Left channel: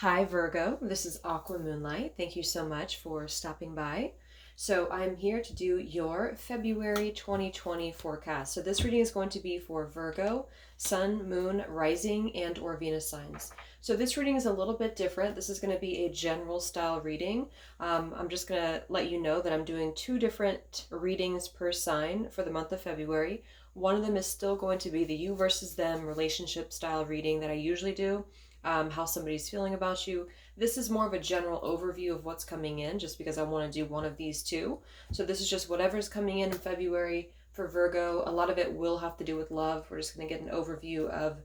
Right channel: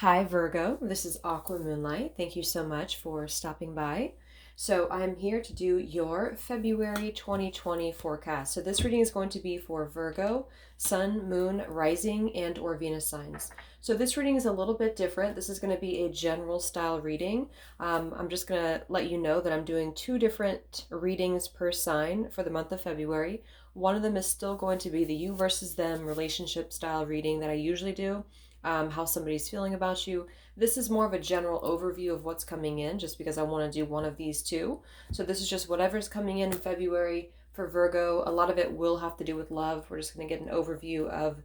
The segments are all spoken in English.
Hi Virgo, this is Aqua Moonlight. Thank you so much for stopping by. So I'm here to do your February 2020 forecast. So this reading is going to be for Virgo, Sun, Moon, Rising, and or Venus signs. So this reading is a little bit different. This is going to be a general style reading. I'm just going to let you know that I'm doing two different readings per sign for the month of February. One of them is still going to be the you versus them relationship style reading that I usually do. How somebody's feeling about you. This is more of a general overview of what's coming in, just because I want to do one of these two. So this is just whatever's coming in February for Virgo. A lot of it will have to do with love. We're just going to get an overview of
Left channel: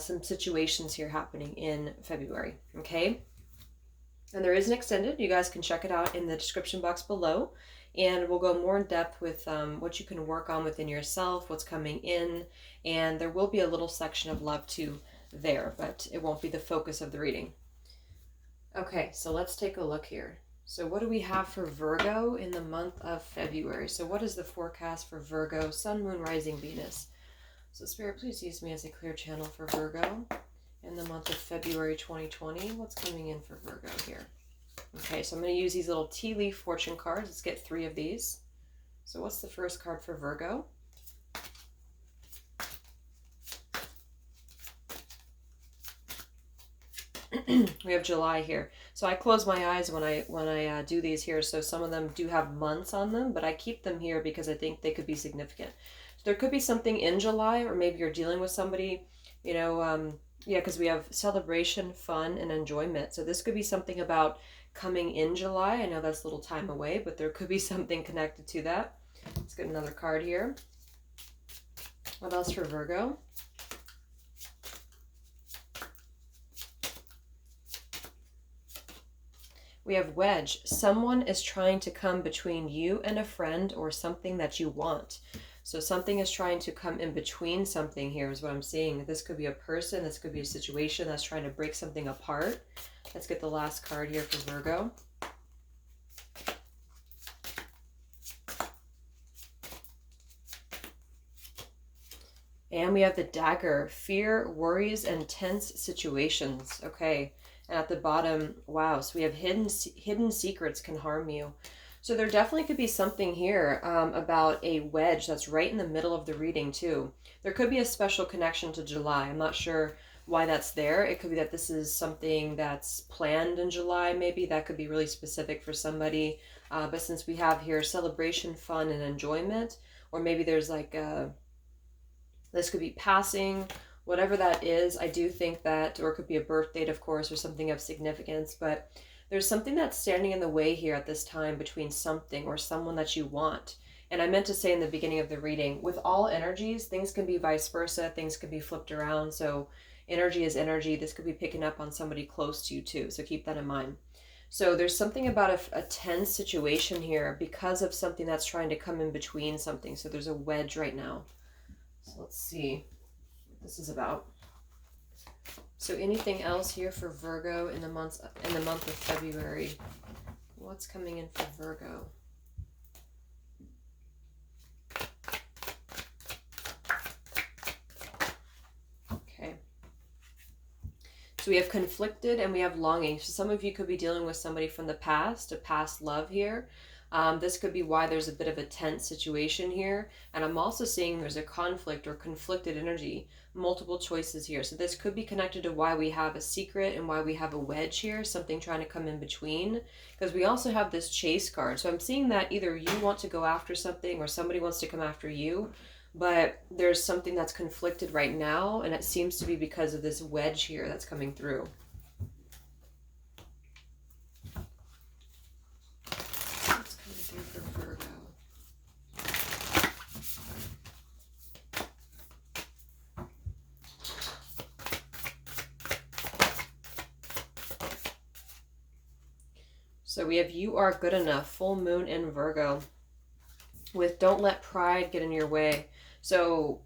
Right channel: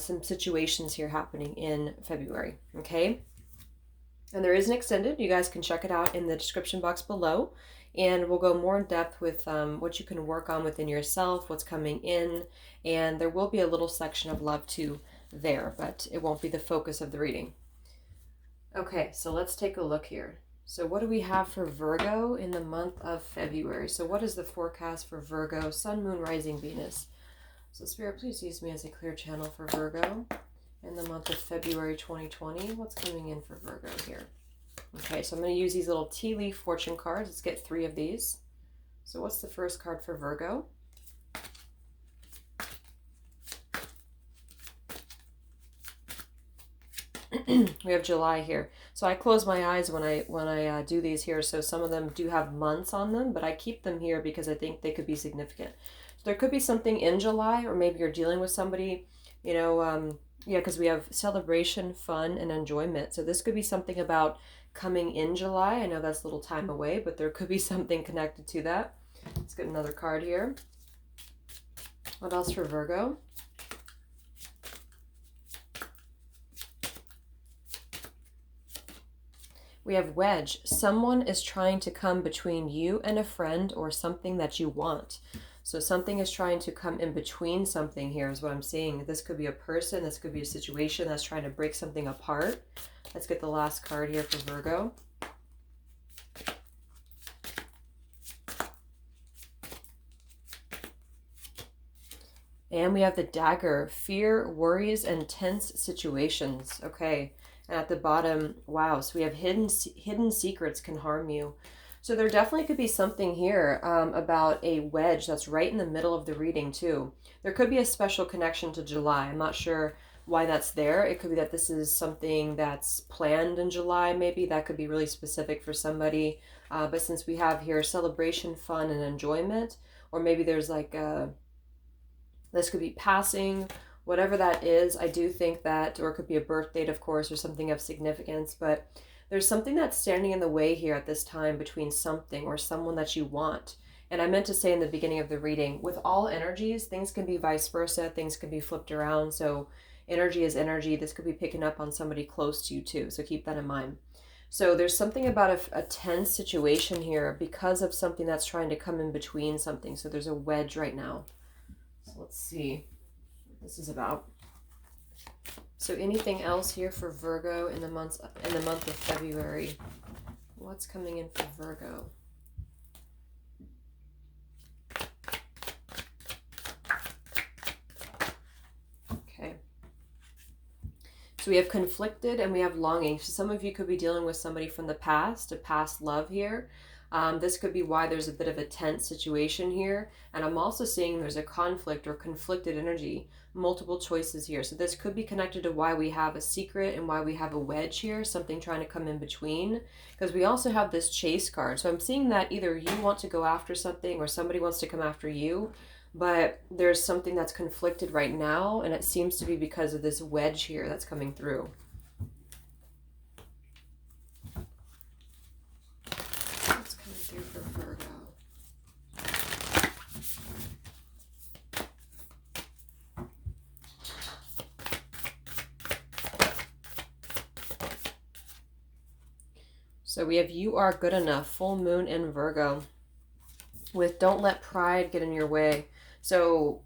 some situations here happening in February. Okay? And there is an extended. You guys can check it out in the description box below. And we'll go more in depth with what you can work on within yourself, what's coming in. And there will be a little section of love too there, but it won't be the focus of the reading. Okay, so let's take a look here. So what do we have for Virgo in the month of February? So what is the forecast for Virgo, Sun, Moon, Rising, Venus? So Spirit, please use me as a clear channel for Virgo in the month of February 2020. What's coming in for Virgo here? Okay, so I'm going to use these little tea leaf fortune cards. Let's get 3 of these. So what's the first card for Virgo? We have July here. So I close my eyes when I do these here. So some of them do have months on them, but I keep them here because I think they could be significant. There could be something in July, or maybe you're dealing with somebody, yeah, because we have celebration, fun, and enjoyment. So this could be something about coming in July. I know that's a little time away, but there could be something connected to that. Let's get another card here. What else for Virgo? We have wedge. Someone is trying to come between you and a friend or something that you want. So something is trying to come in between something here is what I'm seeing. This could be a person. This could be a situation that's trying to break something apart. Let's get the last card here for Virgo. And we have the dagger. Fear, worries, and tense situations. Okay. And at the bottom, wow, so we have hidden secrets can harm you. So there definitely could be something here about a wedge that's right in the middle of the reading too. There could be a special connection to July. I'm not sure why that's there. It could be that this is something that's planned in July, maybe. That could be really specific for somebody. But since we have here celebration, fun, and enjoyment, or maybe there's like this could be passing, whatever that is. I do think that, or it could be a birth date, of course, or something of significance, but there's something that's standing in the way here at this time between something or someone that you want. And I meant to say in the beginning of the reading, with all energies, things can be vice versa, things can be flipped around. So energy is energy. This could be picking up on somebody close to you too, so keep that in mind. So there's something about a tense situation here because of something that's trying to come in between something. So there's a wedge right now. So let's see this is about. So anything else here for Virgo in the month of February? What's coming in for Virgo? Okay. So we have conflicted and we have longing. So some of you could be dealing with somebody from the past, a past love here. This could be why there's a bit of a tense situation here. And I'm also seeing there's a conflict or conflicted energy, multiple choices here. So this could be connected to why we have a secret and why we have a wedge here, something trying to come in between. Because we also have this chase card. So I'm seeing that either you want to go after something or somebody wants to come after you. But there's something that's conflicted right now. And it seems to be because of this wedge here that's coming through. So we have you are good enough, full moon in Virgo, with don't let pride get in your way. So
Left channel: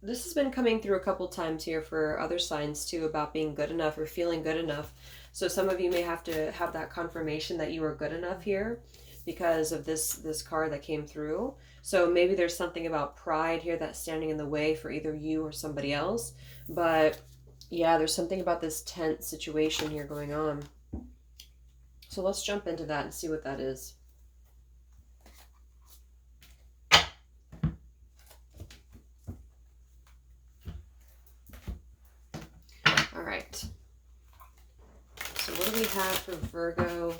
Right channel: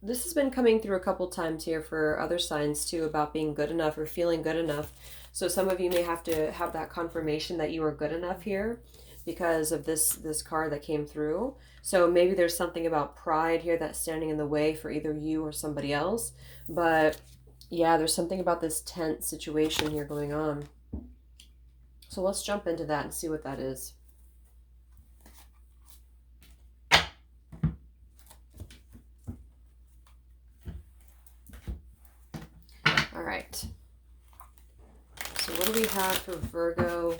this has been coming through a couple times here for other signs too about being good enough or feeling good enough. So some of you may have to have that confirmation that you are good enough here because of this card that came through. So maybe there's something about pride here that's standing in the way for either you or somebody else. But Yeah, there's something about this tense situation here going on. So let's jump into that and see what that is. All right. So what do we have for Virgo,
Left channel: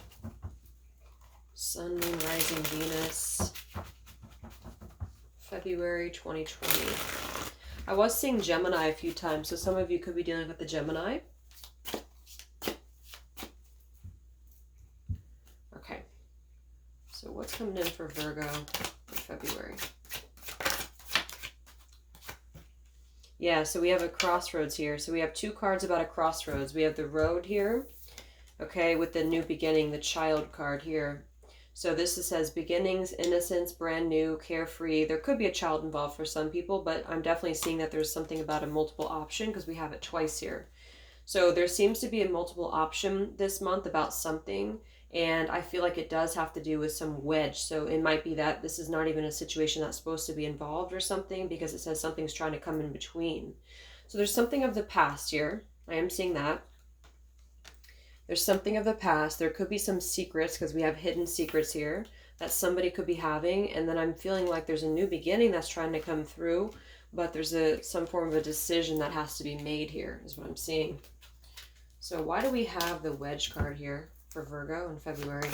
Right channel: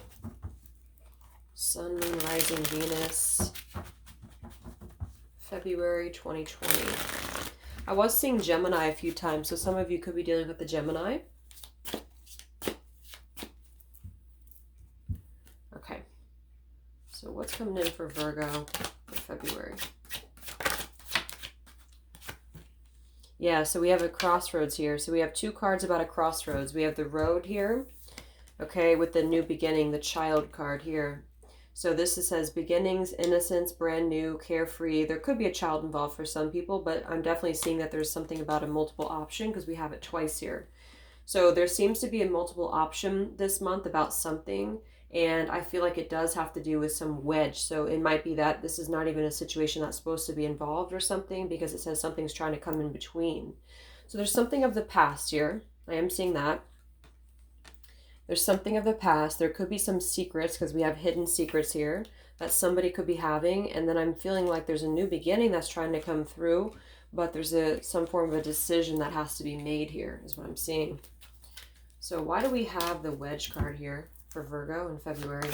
Sun, Moon, Rising, Venus, February 2020? I was seeing Gemini a few times, so some of you could be dealing with the Gemini. Okay. So what's coming in for Virgo for February? Yeah, so we have a crossroads here. So we have two cards about a crossroads. We have the road here, okay, with the new beginning, the child card here. So this says beginnings, innocence, brand new, carefree. There could be a child involved for some people, but I'm definitely seeing that there's something about a multiple option because we have it twice here. So there seems to be a multiple option this month about something, and I feel like it does have to do with some wedge. So it might be that this is not even a situation that's supposed to be involved or something, because it says something's trying to come in between. So there's something of the past here. I am seeing that. There's something of the past. There could be some secrets because we have hidden secrets here that somebody could be having. And then I'm feeling like there's a new beginning that's trying to come through, but there's some form of a decision that has to be made here is what I'm seeing. So why do we have the wedge card here for Virgo in February?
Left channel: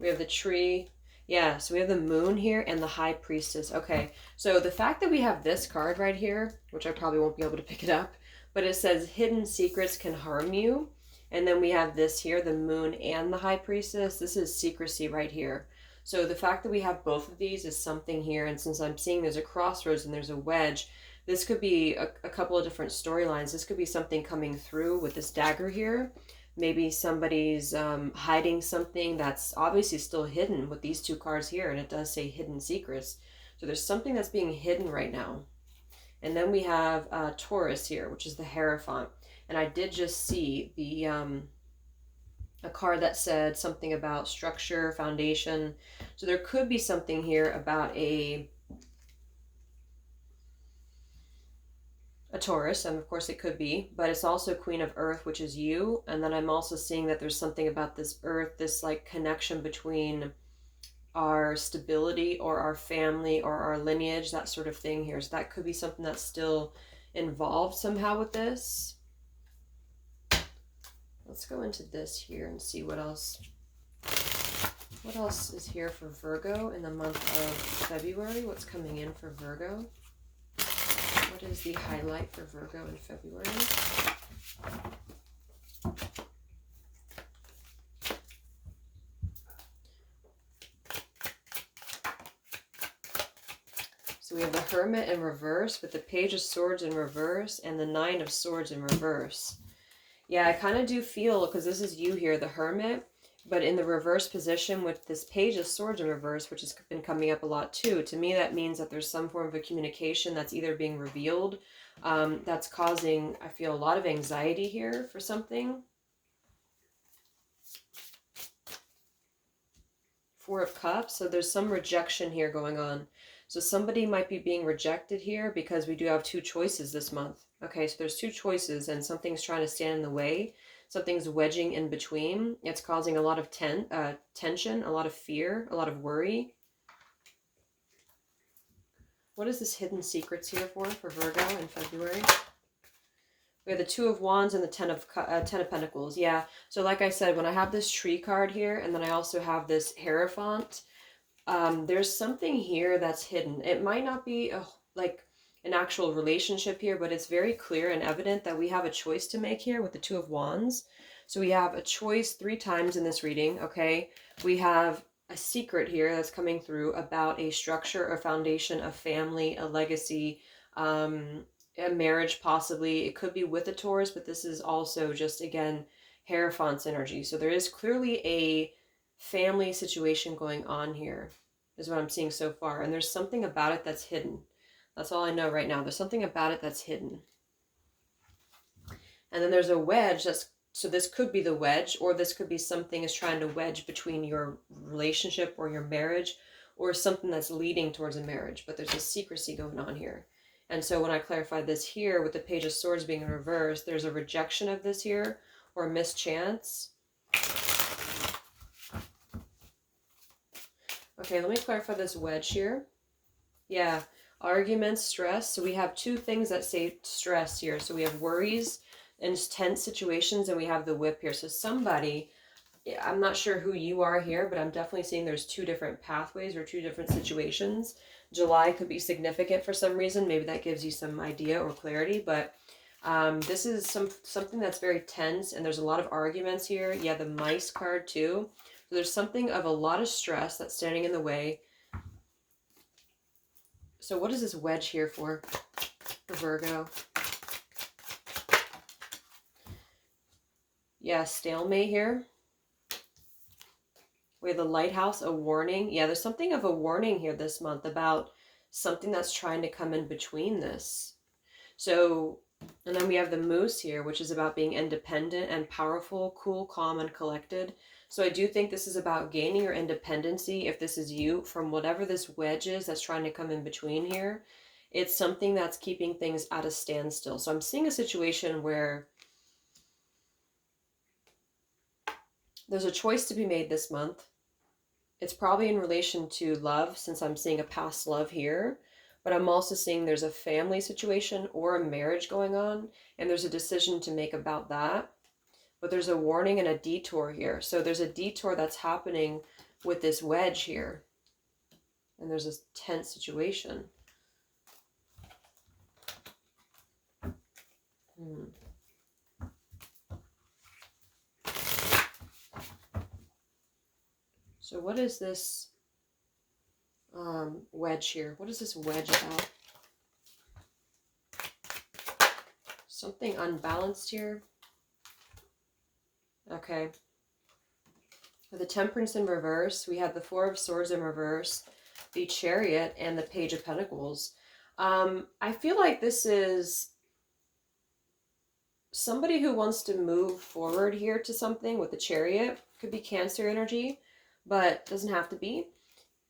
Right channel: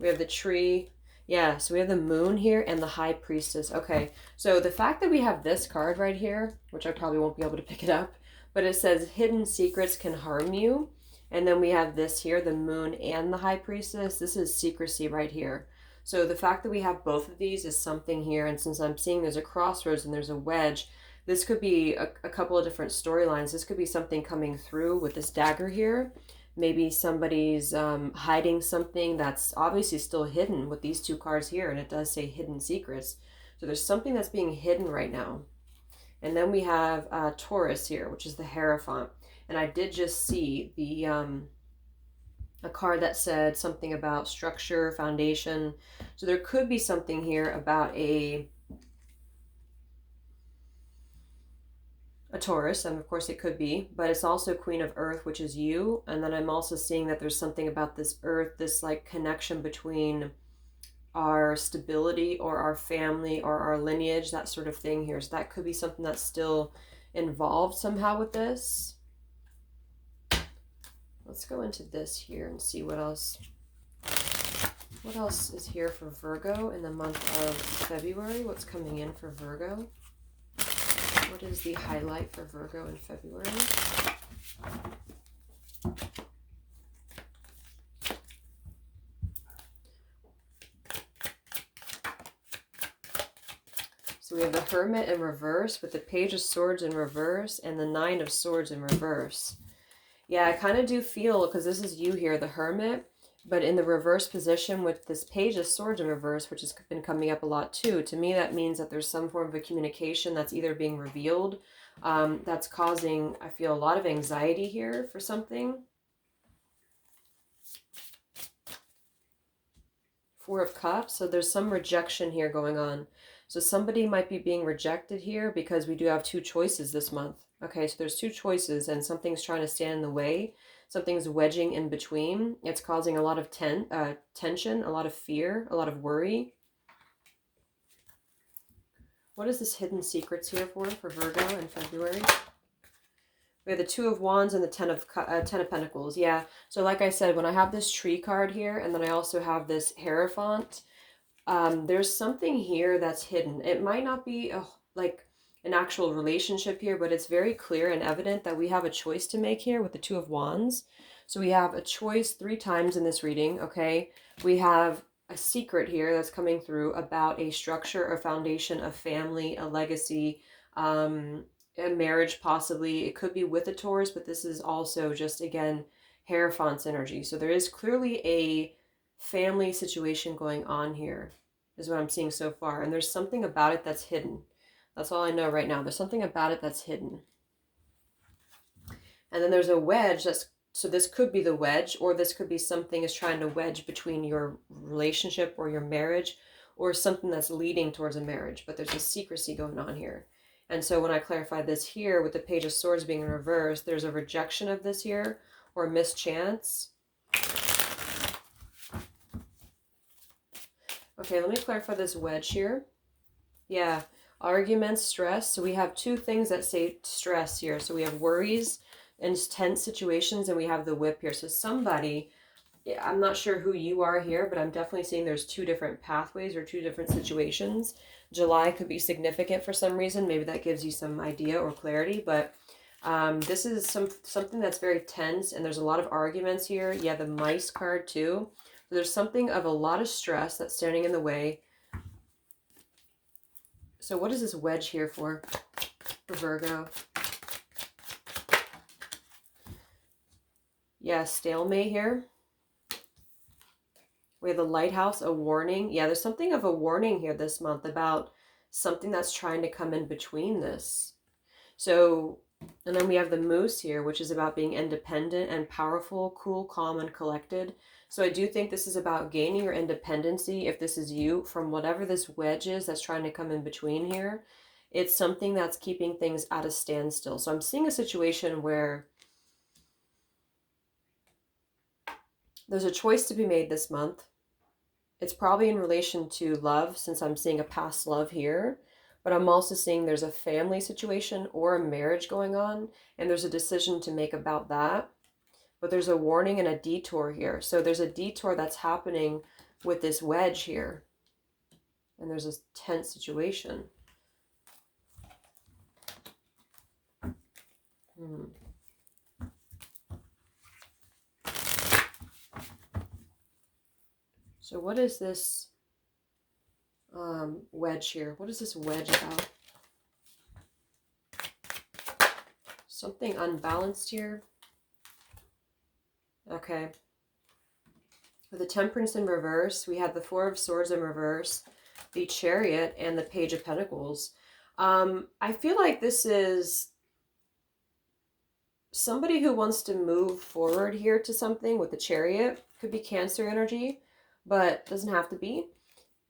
We have the tree. Yeah, so we have the moon here and the high priestess. Okay, so the fact that we have this card right here, which I probably won't be able to pick it up, but it says hidden secrets can harm you. And then we have this here, the moon and the high priestess. This is secrecy right here. So the fact that we have both of these is something here. And since I'm seeing there's a crossroads and there's a wedge, this could be a couple of different storylines. This could be something coming through with this dagger here. Maybe somebody's hiding something that's obviously still hidden with these two cards here, and it does say hidden secrets. So there's something that's being hidden right now. And then we have Taurus here, which is the Hierophant. And I did just see the a card that said something about structure, foundation. So there could be something here about a Taurus, and of course it could be, but it's also Queen of Earth, which is you. And then I'm also seeing that there's something about this Earth, this like connection between our stability or our family or our lineage, that sort of thing here. So that could be something that's still involved somehow with this. Let's go into this here and see what else is here for Virgo in the month of February. What's coming in for Virgo? What is the highlight for Virgo in February? So we have the Hermit in reverse with the Page of Swords in reverse and the Nine of Swords in reverse. Yeah, I kind of do feel, because this is you here, the Hermit, but in the reverse position with this Page of Swords in reverse, which has been coming up a lot too. To me, that means that there's some form of a communication that's either being revealed, that's causing, I feel, a lot of anxiety here for something. Four of Cups, so there's some rejection here going on. So somebody might be being rejected here because we do have two choices this month. Okay, so there's two choices and something's trying to stand in the way. Something's wedging in between. It's causing a lot of tension, a lot of fear, a lot of worry. What is this hidden secrets here for Virgo in February? We have the Two of Wands and the Ten of Pentacles. Yeah, so like I said, when I have this tree card here and then I also have this Hierophant, there's something here that's hidden. It might not be like an actual relationship here, but it's very clear and evident that we have a choice to make here with the Two of Wands. So we have a choice 3 times in this reading, okay? We have a secret here that's coming through about a structure or foundation, a family, a legacy, a marriage possibly. It could be with a Taurus, but this is also just, again, Hierophant's energy. So there is clearly a family situation going on here, is what I'm seeing so far. And there's something about it that's hidden. That's all I know right now. There's something about it that's hidden. And then there's a wedge so this could be the wedge, or this could be something is trying to wedge between your relationship or your marriage, or something that's leading towards a marriage. But there's a secrecy going on here. And so when I clarify this here with the Page of Swords being in reverse, there's a rejection of this here or mischance. Okay, let me clarify this wedge here. Yeah, arguments, stress. So we have two things that say stress here. So we have worries and tense situations, and we have the whip here. So somebody, I'm not sure who you are here, but I'm definitely seeing there's two different pathways or two different situations. July could be significant for some reason. Maybe that gives you some idea or clarity, but this is something that's very tense, and there's a lot of arguments here. Yeah, the mice card too. So there's something of a lot of stress that's standing in the way. So what is this wedge here for Virgo? Yeah, stalemate here. We have the lighthouse, a warning. Yeah, there's something of a warning here this month about something that's trying to come in between this. So, and then we have the moose here, which is about being independent and powerful, cool, calm, and collected. So I do think this is about gaining your independency, if this is you, from whatever this wedge is that's trying to come in between here. It's something that's keeping things at a standstill. So I'm seeing a situation where there's a choice to be made this month. It's probably in relation to love, since I'm seeing a past love here. But I'm also seeing there's a family situation or a marriage going on, and there's a decision to make about that. But there's a warning and a detour here. So there's a detour that's happening with this wedge here. And there's this tense situation. So what is this wedge here? What is this wedge about? Something unbalanced here. Okay. With the Temperance in reverse, we have the Four of Swords in reverse, the Chariot, and the Page of Pentacles. I feel like this is somebody who wants to move forward here to something with the Chariot. Could be Cancer energy, but doesn't have to be.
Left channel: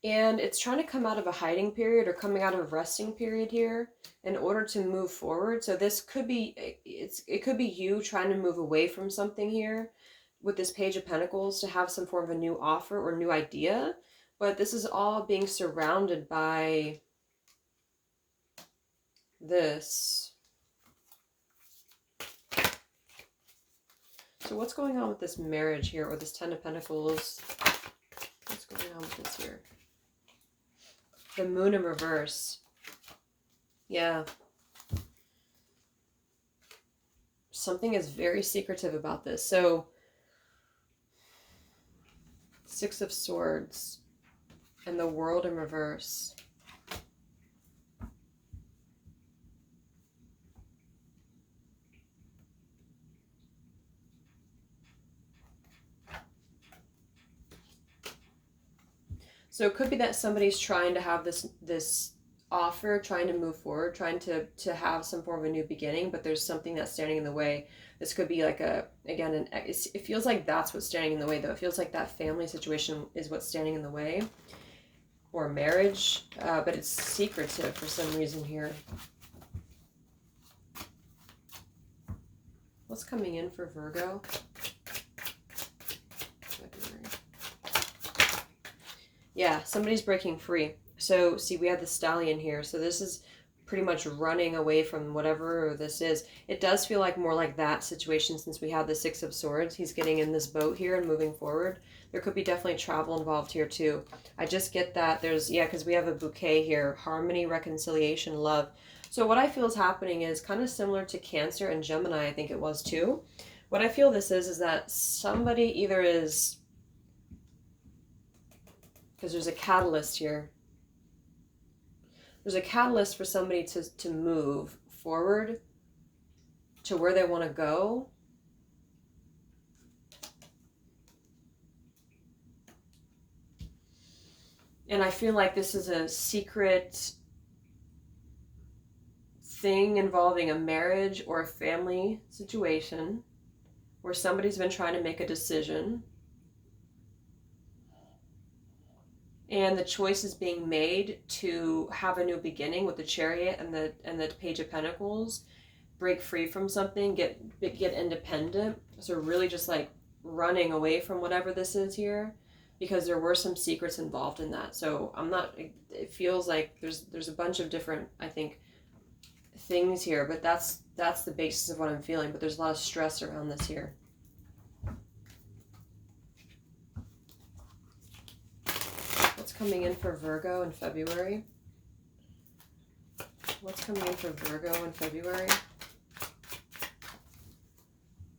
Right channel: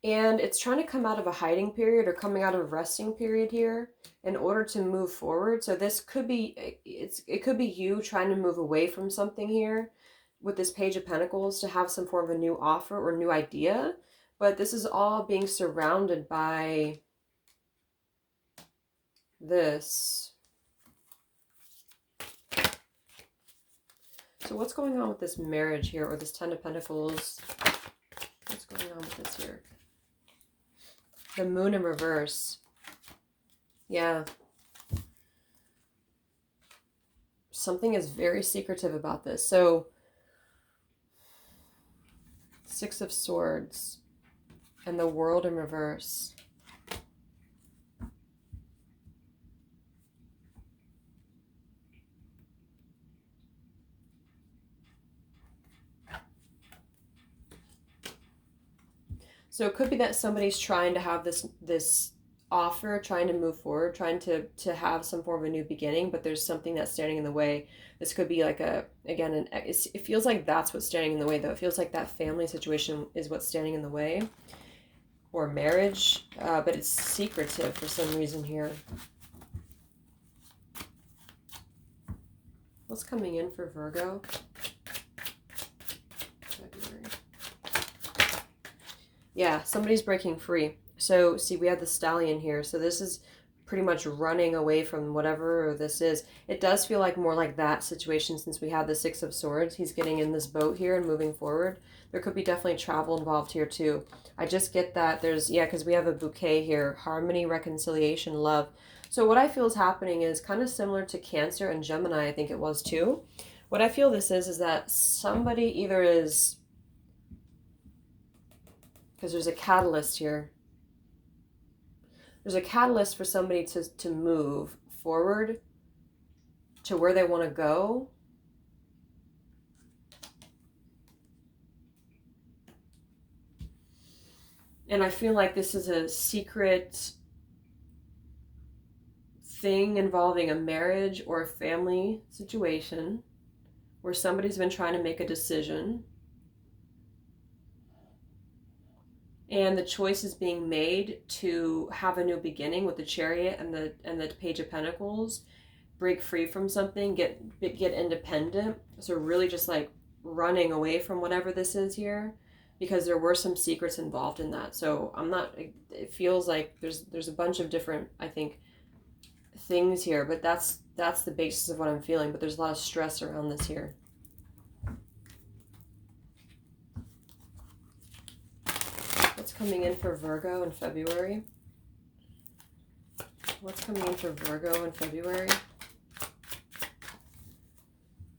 And it's trying to come out of a hiding period or coming out of a resting period here in order to move forward. So this could be, it could be you trying to move away from something here with this Page of Pentacles to have some form of a new offer or new idea. But this is all being surrounded by this. So what's going on with this marriage here, or this Ten of Pentacles? What's going on with this here? The Moon in reverse. Yeah. Something is very secretive about this. So, Six of Swords and the World in reverse. So it could be that somebody's trying to have this offer, trying to move forward, trying to have some form of a new beginning, but there's something that's standing in the way. This could be like it feels like that's what's standing in the way, though. It feels like that family situation is what's standing in the way, or marriage, but it's secretive for some reason here. What's coming in for Virgo? Yeah, somebody's breaking free. So, see, we have the Stallion here. So this is pretty much running away from whatever this is. It does feel like more like that situation since we have the Six of Swords. He's getting in this boat here and moving forward. There could be definitely travel involved here too. I just get that there's, yeah, because we have a bouquet here. Harmony, reconciliation, love. So what I feel is happening is kind of similar to Cancer and Gemini, I think it was too. What I feel this is that somebody either is, because there's a catalyst here. There's a catalyst for somebody to move forward to where they want to go. And I feel like this is a secret thing involving a marriage or a family situation where somebody's been trying to make a decision. And the choice is being made to have a new beginning with the Chariot and the Page of Pentacles, break free from something, get independent. So really just like running away from whatever this is here, because there were some secrets involved in that. So I'm not, it feels like there's a bunch of different, I think, things here, but that's the basis of what I'm feeling. But there's a lot of stress around this here. What's coming in for Virgo in February? What's coming in for Virgo in February?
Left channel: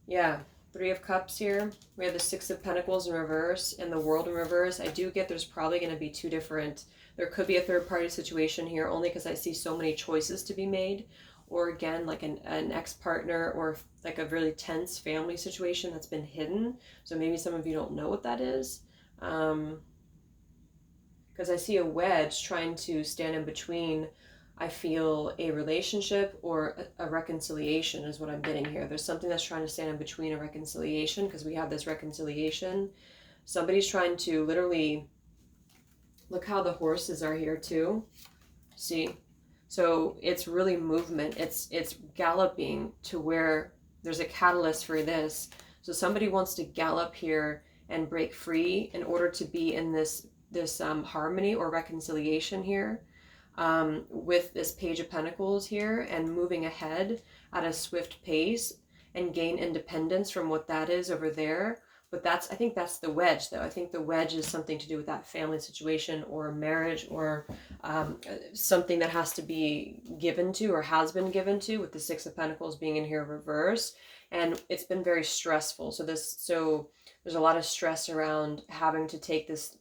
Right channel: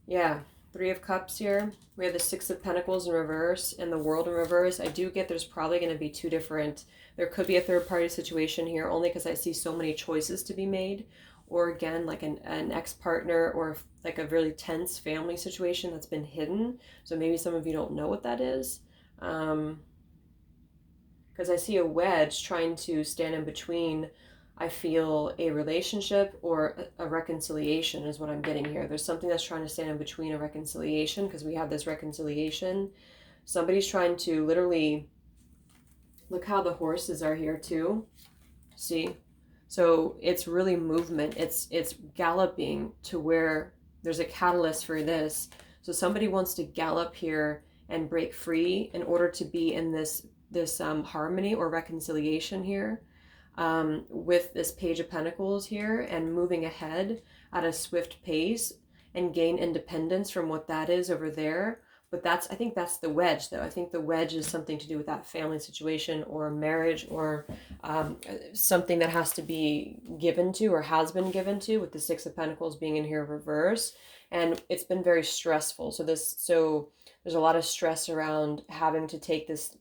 Yeah, Three of Cups here. We have the Six of Pentacles in reverse and the World in reverse. I do get there's probably going to be two different, there could be a third party situation here, only because I see so many choices to be made. Or again, like an ex-partner, or like a really tense family situation that's been hidden. So maybe some of you don't know what that is. Because I see a wedge trying to stand in between, I feel, a relationship or a reconciliation is what I'm getting here. There's something that's trying to stand in between a reconciliation, because we have this reconciliation. Somebody's trying to literally, look how the horses are here too. See? So it's really movement. It's galloping to where there's a catalyst for this. So somebody wants to gallop here and break free in order to be in this harmony or reconciliation here, with this Page of Pentacles here, and moving ahead at a swift pace and gain independence from what that is over there. But I think that's the wedge, though. I think the wedge is something to do with that family situation or marriage, or something that has to be given to or has been given to, with the Six of Pentacles being in here reverse. And it's been very stressful. So there's a lot of stress around having to take this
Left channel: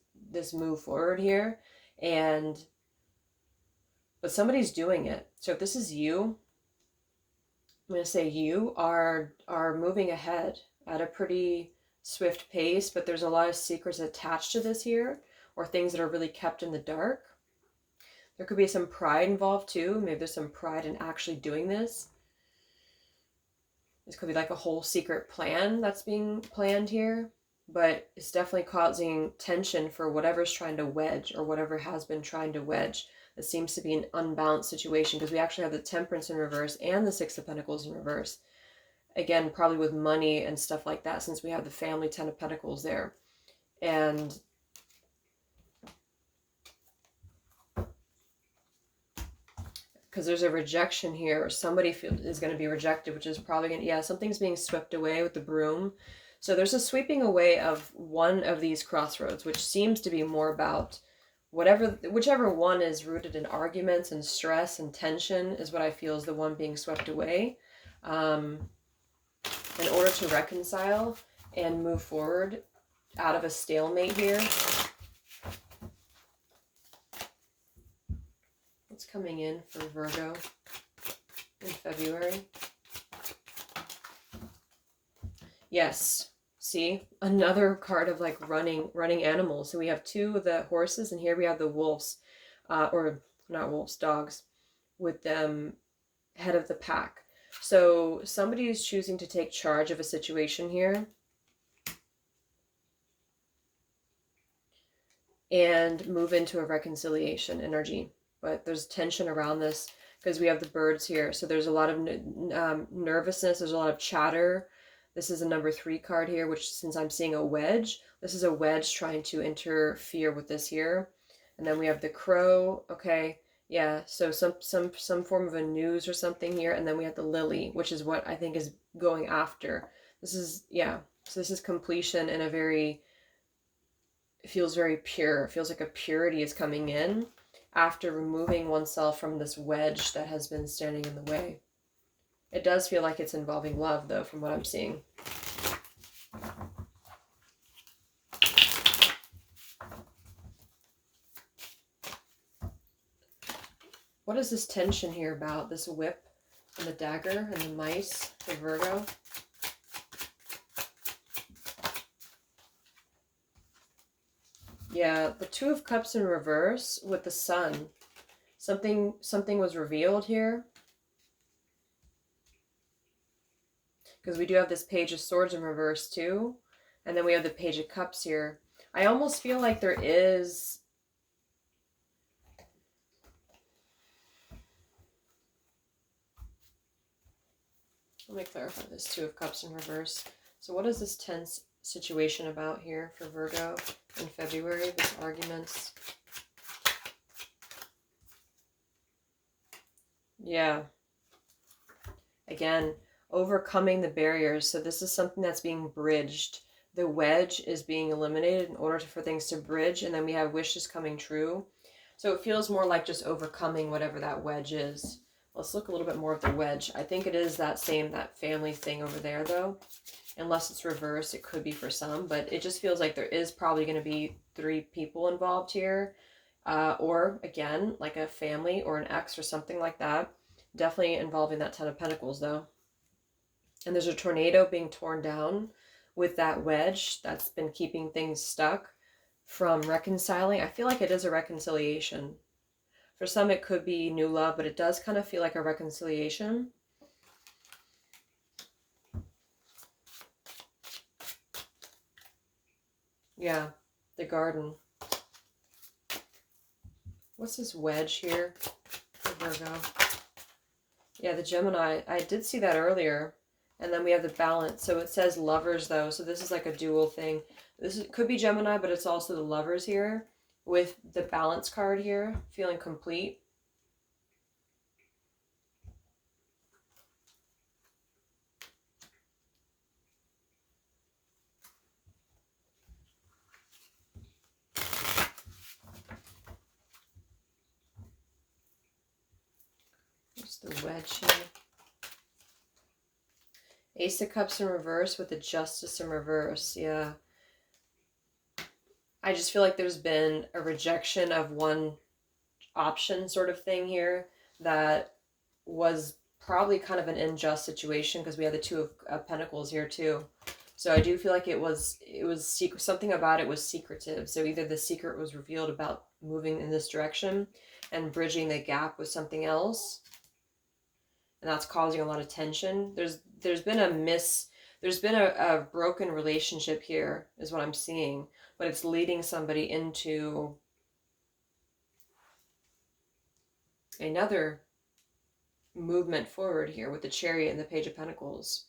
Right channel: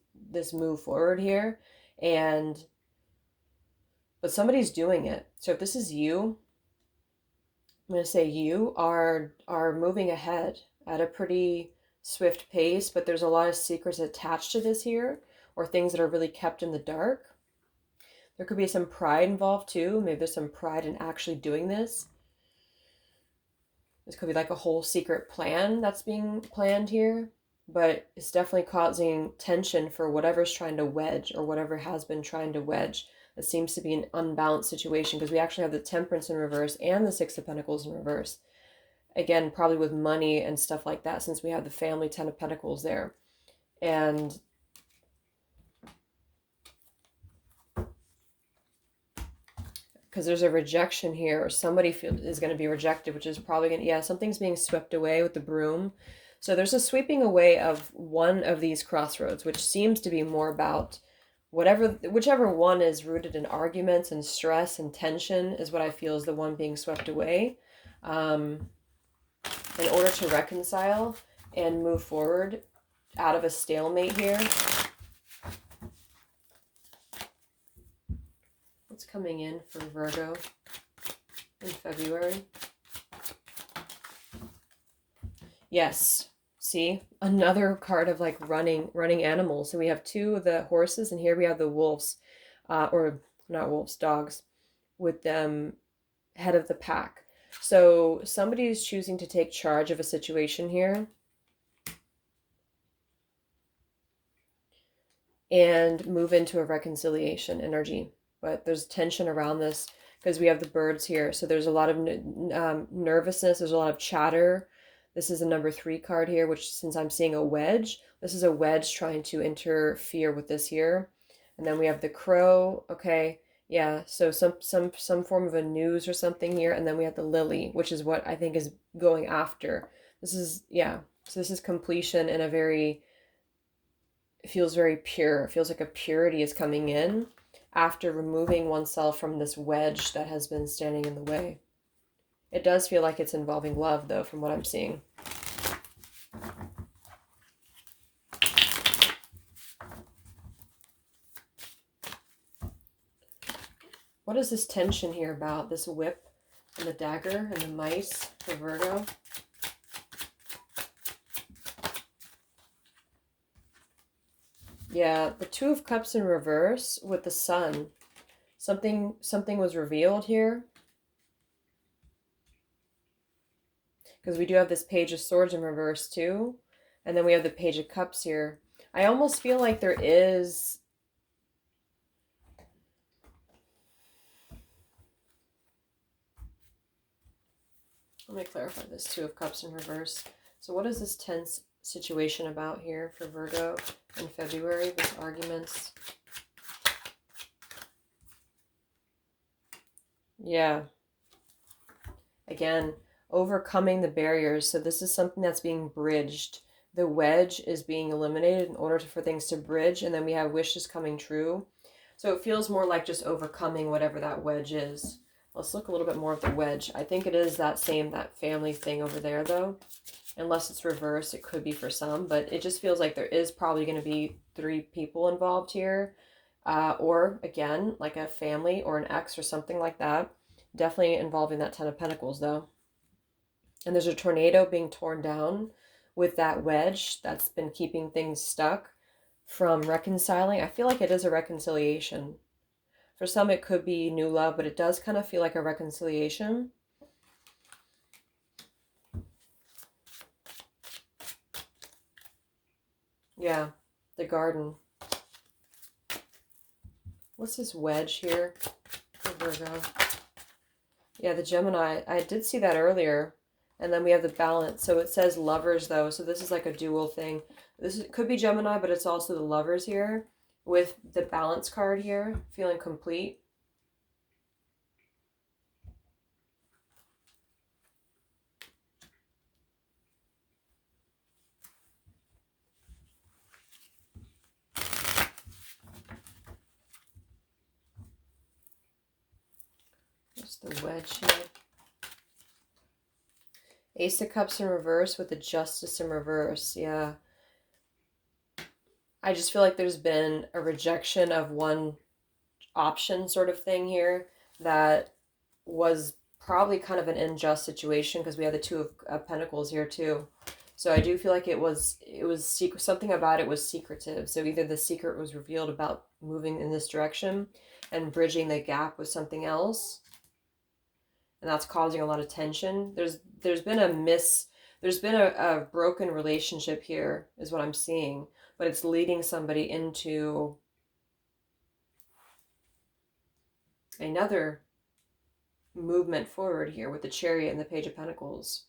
move forward here. But somebody's doing it. So if this is you, I'm going to say you are moving ahead at a pretty swift pace, but there's a lot of secrets attached to this here, or things that are really kept in the dark. There could be some pride involved too. Maybe there's some pride in actually doing this. This could be like a whole secret plan that's being planned here, but it's definitely causing tension for whatever's trying to wedge, or whatever has been trying to wedge. It seems to be an unbalanced situation, because we actually have the Temperance in reverse and the Six of Pentacles in reverse. Again, probably with money and stuff like that, since we have the family Ten of Pentacles there. And because there's a rejection here, or somebody is going to be rejected, which is probably going to, yeah, something's being swept away with the broom. So there's a sweeping away of one of these crossroads, which seems to be more about whichever one is rooted in arguments and stress and tension, is what I feel is the one being swept away. In order to reconcile and move forward out of a stalemate here. What's coming in for Virgo in February? Yes. See, another card of like running animals. So we have two of the horses, and here we have the wolves, or not wolves, dogs, with them head of the pack. So somebody is choosing to take charge of a situation here and move into a reconciliation energy. But there's tension around this because we have the birds here. So there's a lot of nervousness. There's a lot of chatter. This is a number 3 card here, which, since I'm seeing a wedge, this is a wedge trying to interfere with this here. And then we have the crow. Okay. Yeah, so some form of a news or something here. And then we have the lily, which is what I think is going after. This is, yeah, so this is completion in a very, it feels very pure. It feels like a purity is coming in after removing oneself from this wedge that has been standing in the way. It does feel like it's involving love, though, from what I'm seeing. What is this tension here about? This whip and the dagger and the mice for Virgo? Yeah, the Two of Cups in reverse with the sun. Something was revealed here. Because we do have this Page of Swords in reverse too. And then we have the Page of Cups here. I almost feel like there is Let me clarify this. Two of Cups in reverse. So what is this tense situation about here for Virgo in February? These arguments. Yeah. Again, overcoming the barriers. So this is something that's being bridged. The wedge is being eliminated in order for things to bridge. And then we have wishes coming true. So it feels more like just overcoming whatever that wedge is. Let's look a little bit more at the wedge. I think it is that family thing over there, though. Unless it's reversed, it could be for some. But it just feels like there is probably going to be 3 people involved here. Or, again, like a family or an ex or something like that. Definitely involving that 10 of Pentacles, though. And there's a tornado being torn down with that wedge that's been keeping things stuck from reconciling. I feel like it is a reconciliation. For some, it could be new love, but it does kind of feel like a reconciliation. Yeah, the garden. What's this wedge here for Virgo? Yeah, the Gemini. I did see that earlier. And then we have the balance. So it says lovers, though. So this is like a dual thing. Could be Gemini, but it's also the lovers here. With the balance card here. Feeling complete. What's the wedge here? Ace of Cups in reverse with the Justice in reverse. Yeah. I just feel like there's been a rejection of one option sort of thing here that was probably kind of an unjust situation because we had the Two of Pentacles here too. So I do feel like it was secret. Something about it was secretive. So either the secret was revealed about moving in this direction and bridging the gap with something else. And that's causing a lot of tension. There's been a broken relationship here is what I'm seeing, but it's leading somebody into another movement forward here with the Chariot and the Page of Pentacles.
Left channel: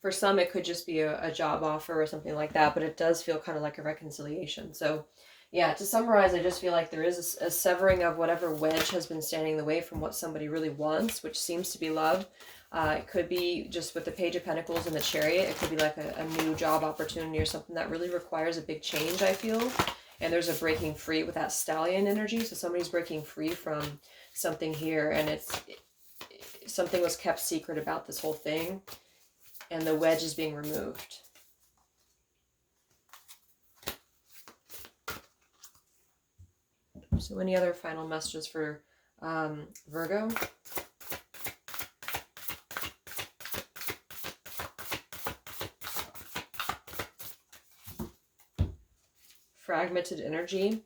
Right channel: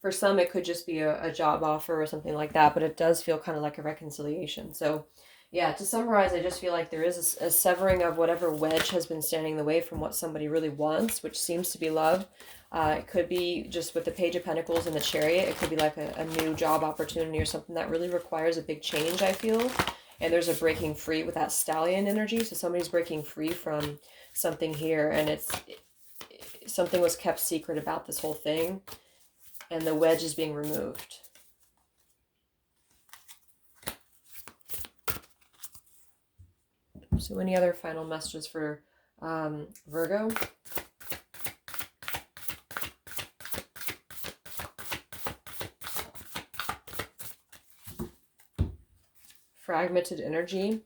For some, it could just be a job offer or something like that, but it does feel kind of like a reconciliation. So yeah, to summarize, I just feel like there is a severing of whatever wedge has been standing in the way from what somebody really wants, which seems to be love. It could be just with the Page of Pentacles and the Chariot. It could be like a new job opportunity or something that really requires a big change, I feel. And there's a breaking free with that Stallion energy. So somebody's breaking free from something here. And something was kept secret about this whole thing. And the wedge is being removed. So any other final messages for Virgo? Fragmented energy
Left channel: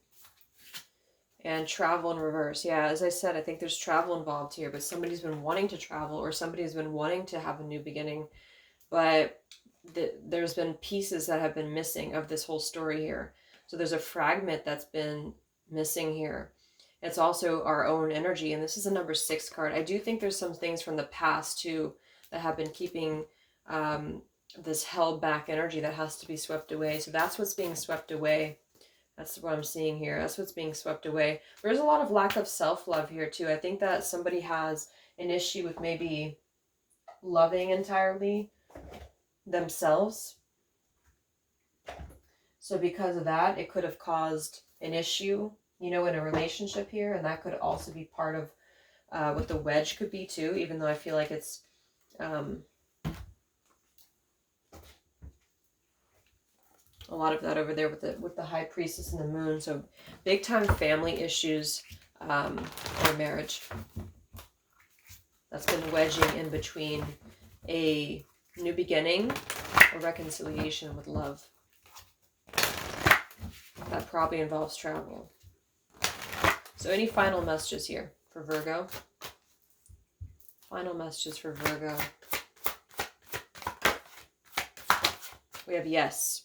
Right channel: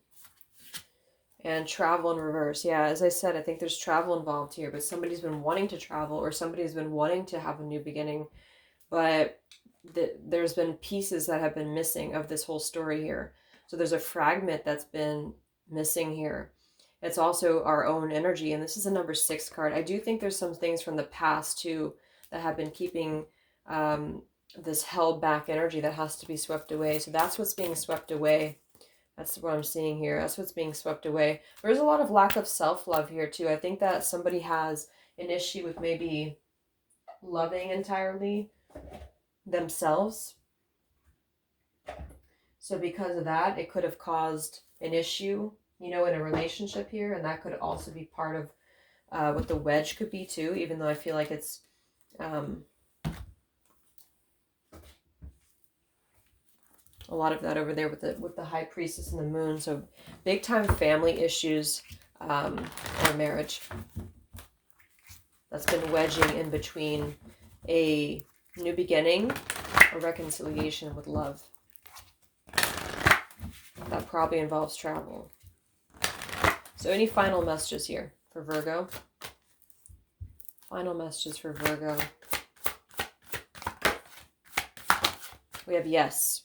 and travel in reverse. Yeah, as I said, I think there's travel involved here, but somebody's been wanting to travel or somebody's been wanting to have a new beginning, but there's been pieces that have been missing of this whole story here. So there's a fragment that's been missing here. It's also our own energy, and this is a number 6 card. I do think there's some things from the past too that have been keeping this held back energy that has to be swept away. So that's what's being swept away. That's what I'm seeing here. That's what's being swept away. There's a lot of lack of self-love here too. I think that somebody has an issue with maybe loving entirely themselves. So because of that, it could have caused an issue, you know, in a relationship here. And that could also be part of what the wedge could be too, even though I feel like it's a lot of that over there with the High Priestess and the Moon. So big time family issues in a marriage that's been wedging in between a new beginning, a reconciliation with love. That probably involves travel. So any final messages here for Virgo? Final messages for Virgo. We have yes.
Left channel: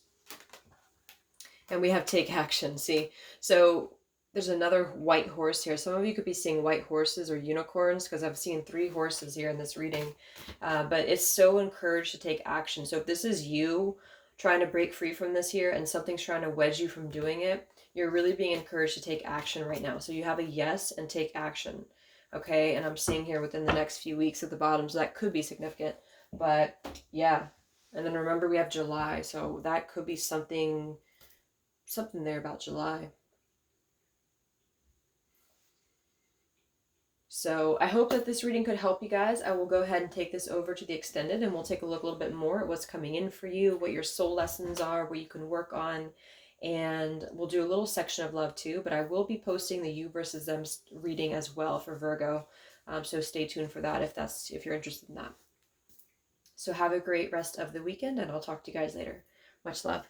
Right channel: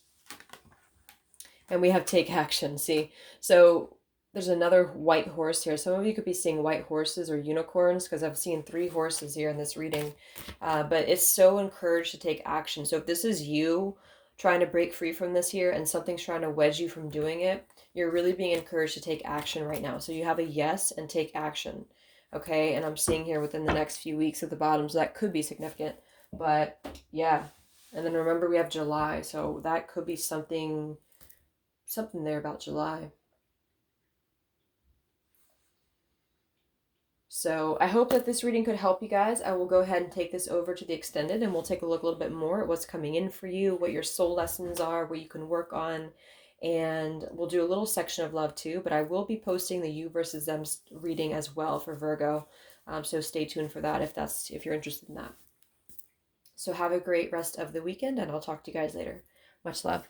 And we have take action, see? So There's another white horse here. Some of you could be seeing white horses or unicorns because I've seen 3 horses here in this reading. But it's so encouraged to take action. So if this is you trying to break free from this here and something's trying to wedge you from doing it, you're really being encouraged to take action right now. So you have a yes and take action. Okay, and I'm seeing here within the next few weeks at the bottom, so that could be significant. But yeah, and then remember we have July, so that could be something there about July. So I hope that this reading could help you guys. I will go ahead and take this over to the extended and we'll take a look a little bit more at what's coming in for you, what your soul lessons are, what you can work on. And we'll do a little section of love too, but I will be posting the you versus them reading as well for Virgo. So stay tuned for that if you're interested in that. So have a great rest of the weekend and I'll talk to you guys later. Much love.